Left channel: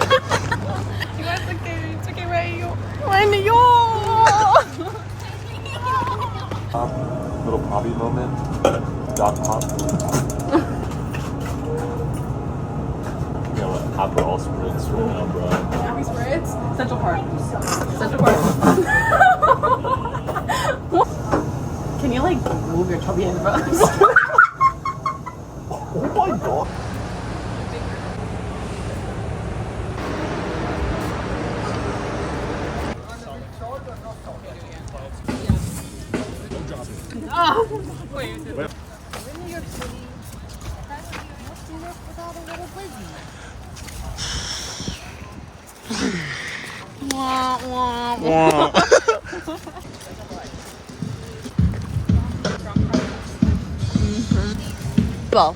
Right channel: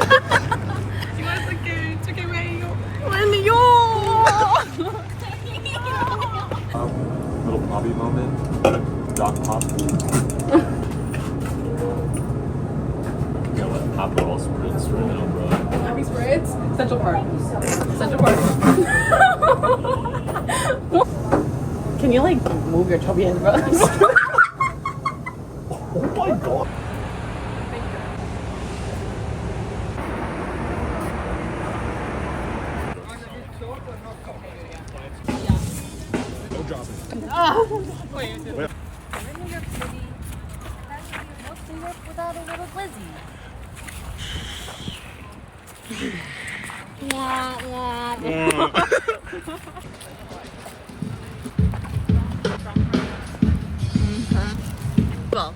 It's okay. It's okay. Where are you? When you Little Bobby moment. Dog pop. Yeah, like Aperol spritz right now, bro. Happy spirits. Central Park. Central Park. can you like move your chubby hands, bro? Oh my god. Wait. New York City. What's New York without a little glizzy? Well.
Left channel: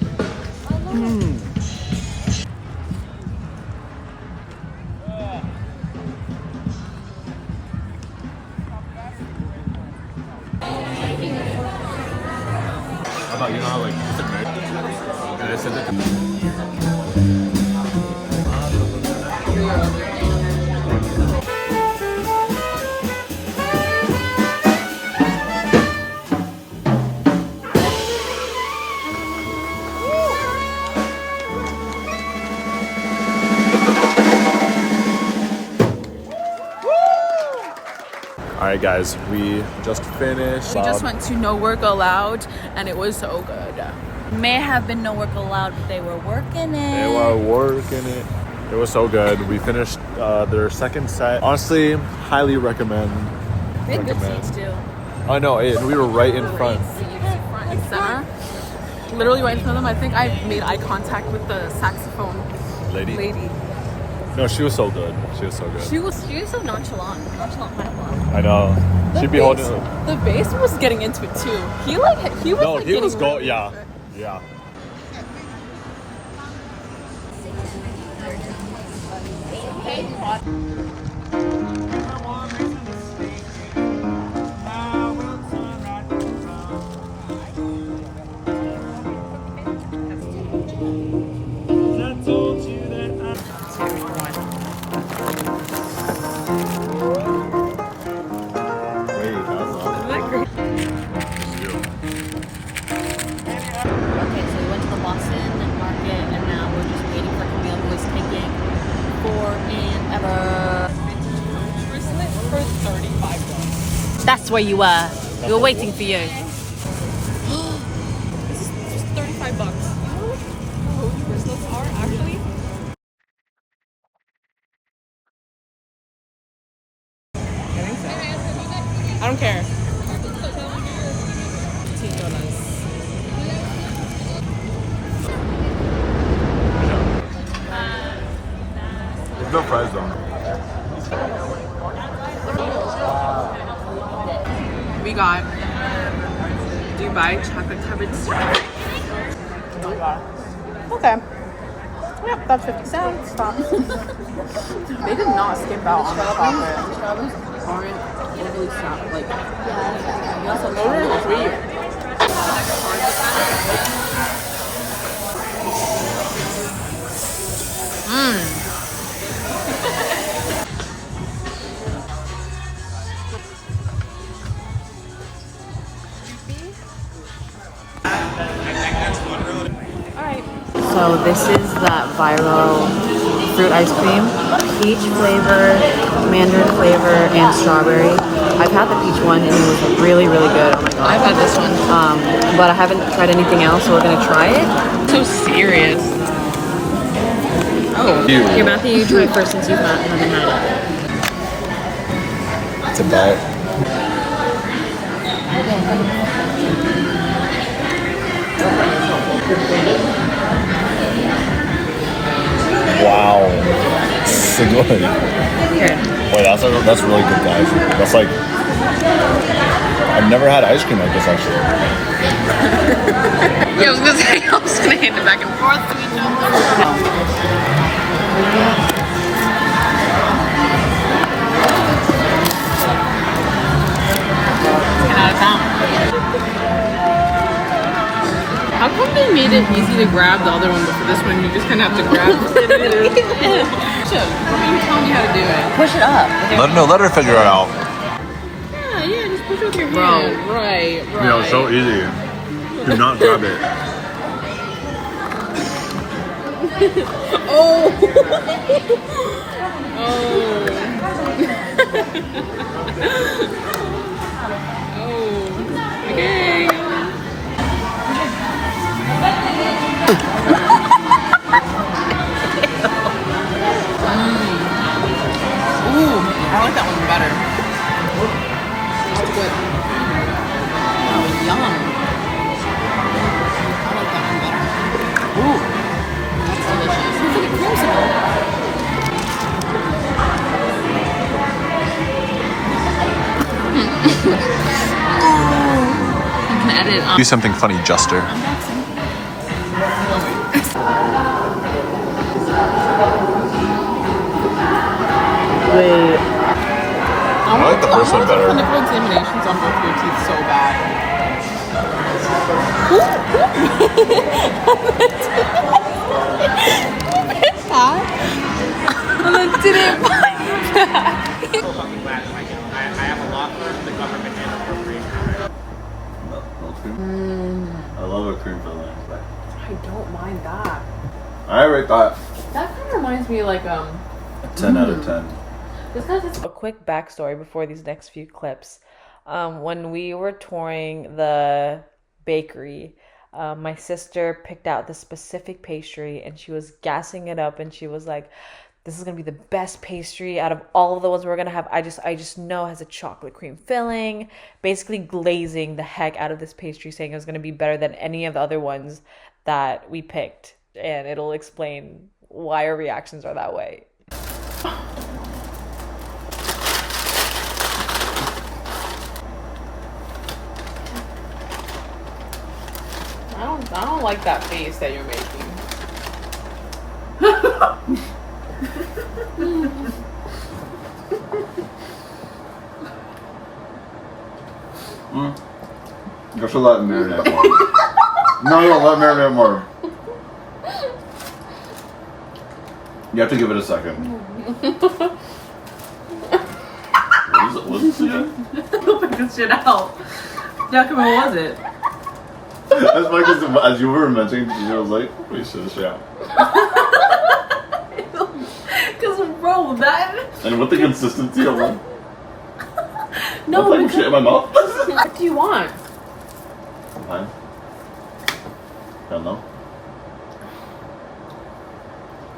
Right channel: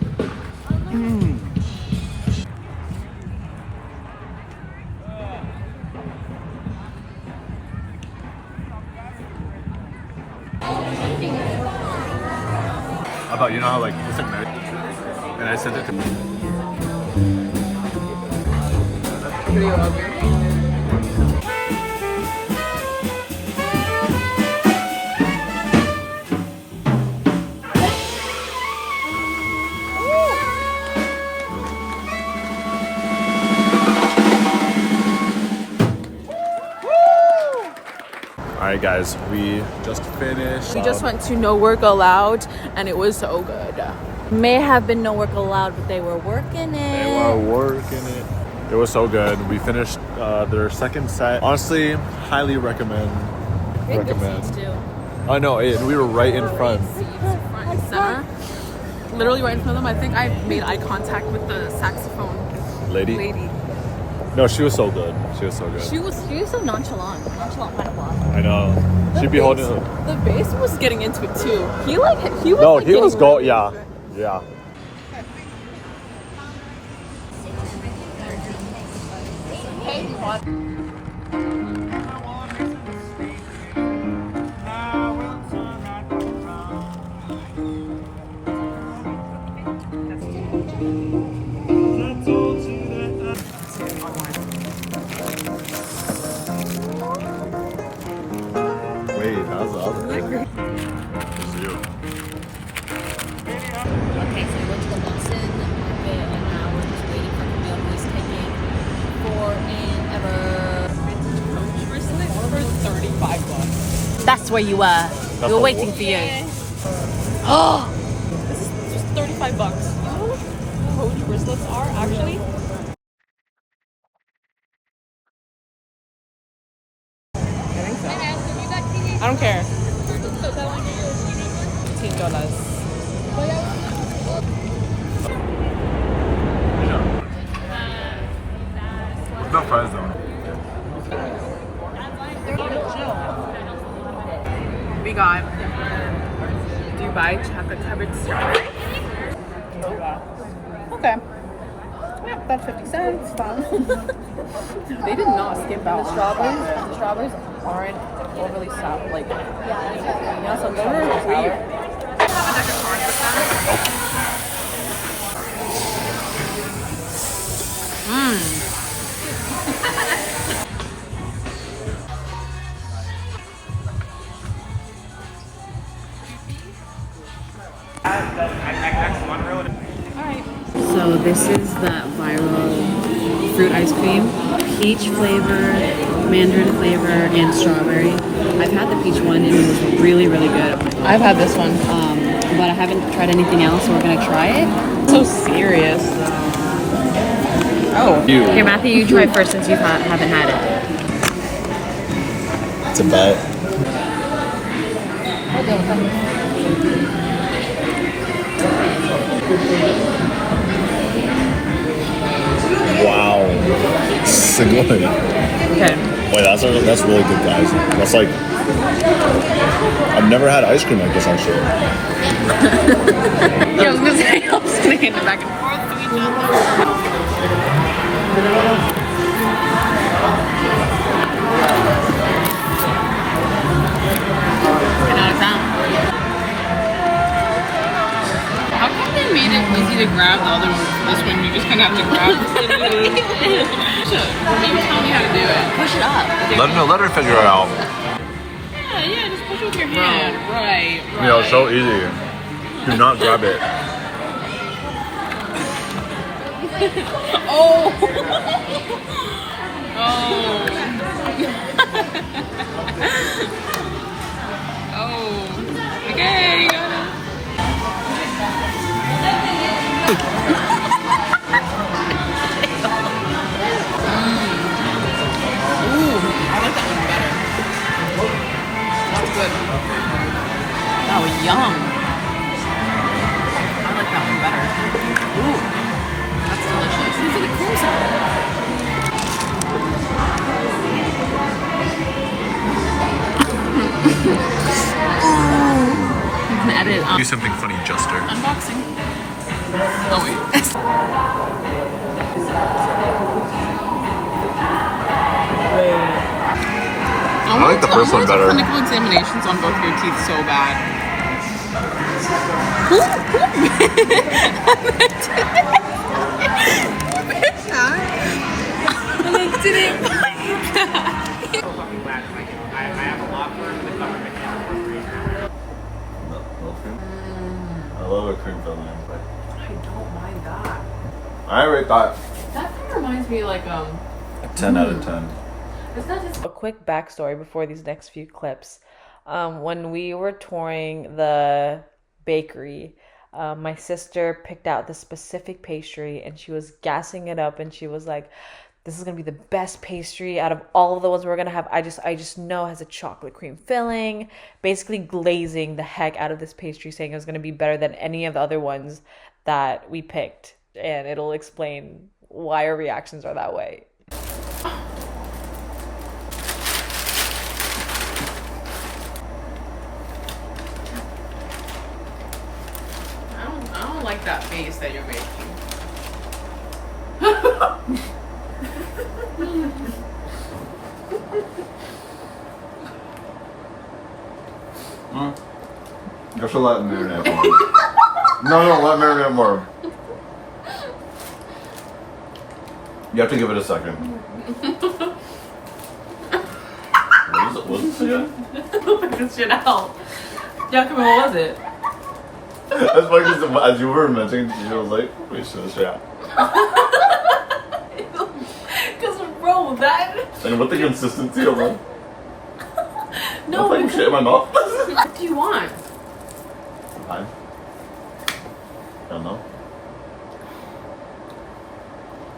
About you know how like it's like and I sent it to Alright guys, we just finished. We just went to No Work Allowed and it was so good. May have been no work allowed, but they were working it. They were working it. It was so good. We finished their second set. Honestly, highly recommend. I know, and we were right in front. Front and center. Literally right in front of them. I think I made eye contact with the saxophone lady. No, she was so good. She was so good. She was so nonchalant pineapple. I know. She'd be holding it. The bass was getting into it too. He was No, like he was getting going. really Yeah, into it. yeah. Wait, that was awesome. Isn't that great? Okay, so we went to the Boston market and now we're just waiting for Camille, who is taking forever. Bracelet for $35. That's where you were. We were waiting for you. Oh, this is just $35. You know what Coach bracelets are actually? I think so. I don't care. $15. With no fries though. We got Dubai chocolate covered strawberry. Okay. Yep, that's 50 cents. They did not skip out on the Strawberries aren't overly sour. Like, you know, some strawberries are sour. So this is that viral fruit ice cream. Peach flavor, mandarin flavor, and strawberry. I've had the peach one and it was really, really good. Oh my god. I've had this one. But I haven't tried anything else, so we're gonna try it. So serious. Oh. Okay, Matthew, you try first since you haven't had it. It's a bet. Wow. So good. Okay. Wait, that's really good, guys. That's like I've never had ice cream like this actually. Yeah, I was gonna say I was gonna hand it back and forth. 10 out of 10. How come they made it easy to grab the other one, but for this one, you just kind of have to grab it. I'm telling you how to do it. Push it up. Let her figure it out. Yeah, just push it with your hand. Right. You know, so easy. Do not grab it. Oh. Oh. Okay. Ooh, I like that one better. That's good. Oh, yum. I like that one better. Ooh, that's delicious. It's like a creamsicle. You can edit on. Do something funny, Juster. Unboxing. Oh wait. Wait. I want like the to first one do better. clinical examinations on both your teeth so bad. I love a cream filling. I don't mind that. I rate that That kind of reminds me like a 10 out of 10. it's not just A quick backstory before these next few clips. When we were touring the bakery, my sister picked out the specific pastry and she was gassing it up and she was like, this is gonna be the best pastry out of all of the ones we're gonna have. I just know it has a chocolate cream filling, basically glazing the heck out of this pastry, saying it was gonna be better than any of the other ones that we picked. And it'll explain why our reactions are that way. I don't like that face that you're making. I should let it marinate more. No, let it marinate more. You have to give it a second. What is it again? Figure this shit out. Yeah, come on, what was it? That's funny because as you were mentioning, you was like, wait, shit, this shit. Because, bro, that. And what the consistency of one? No, I'm putting shit in my mouth. What do you want? Fine. Don't know.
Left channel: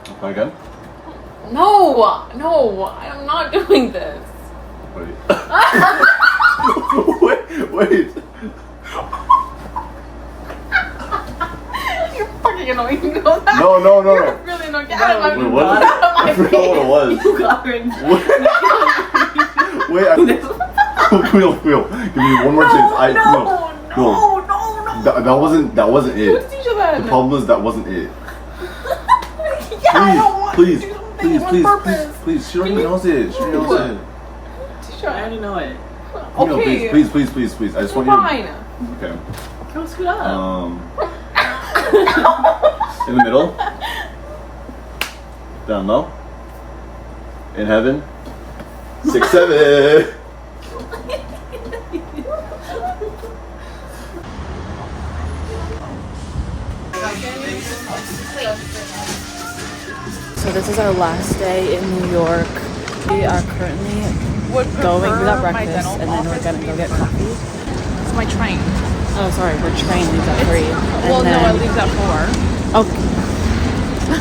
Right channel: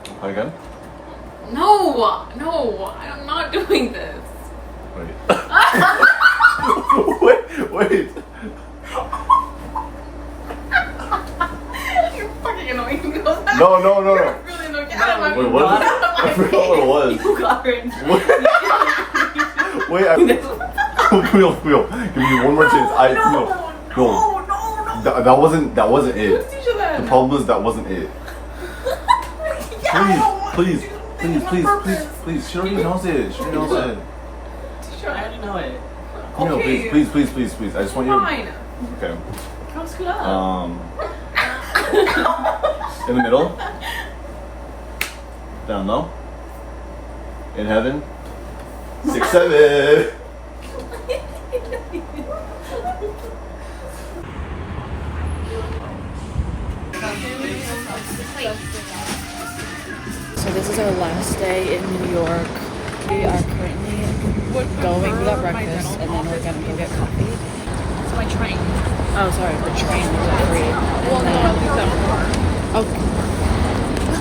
Okay, again? No, I'm not doing this. Wait. wait. You're fucking annoying. You know that? No. You're really not getting Wait, what? I forgot what it was. You got it. Wait, Camille, give me one more chance. No. That wasn't it. Who's teacher then? The problem is that wasn't it. Please. She don't even know it. Teacher, I already know it. No, Okay. please. I just want you. Fine. Okay. Go scoot up. In the middle. Down low. In heaven. 6, 7. So this is our last day in New York. We are currently going to that breakfast and then we're gonna go get coffee. It's my train. Oh, sorry, we're train leaves at 3. And then, leaves at 4. oh,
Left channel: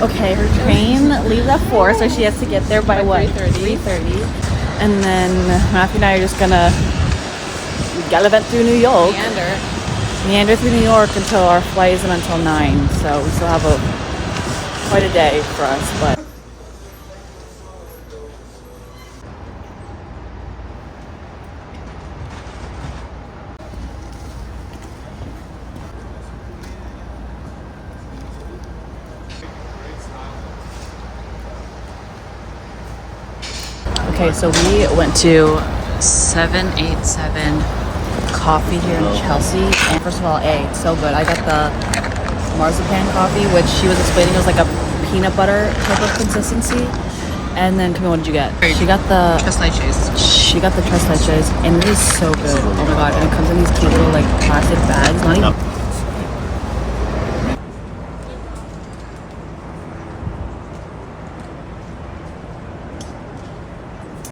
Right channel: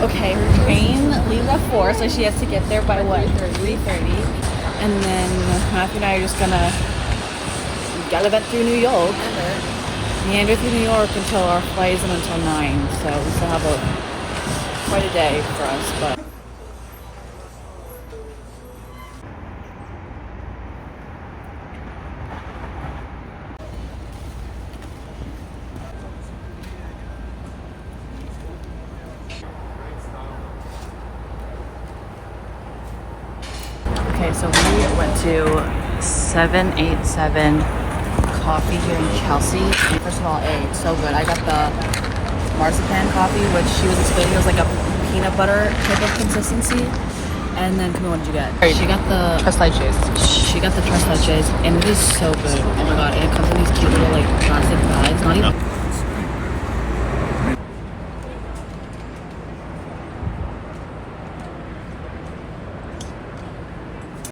okay, her train leaves at 4, so she has to get there by what? 3:30. And then Matthew and I are just gonna gallivant through New York. Meander through New York until our flight isn't until 9. So we still have quite a day for us, but. Okay, so we went to 787 Coffee here in Chelsea, and first of all, it's so good. I got the marzipan coffee, which she was explaining was like a peanut butter type of consistency. And then Camille, what did you get? She got the Tres leches. tres leches, and it is so good. Oh my god! And it comes in these cute little like plastic bags. Not even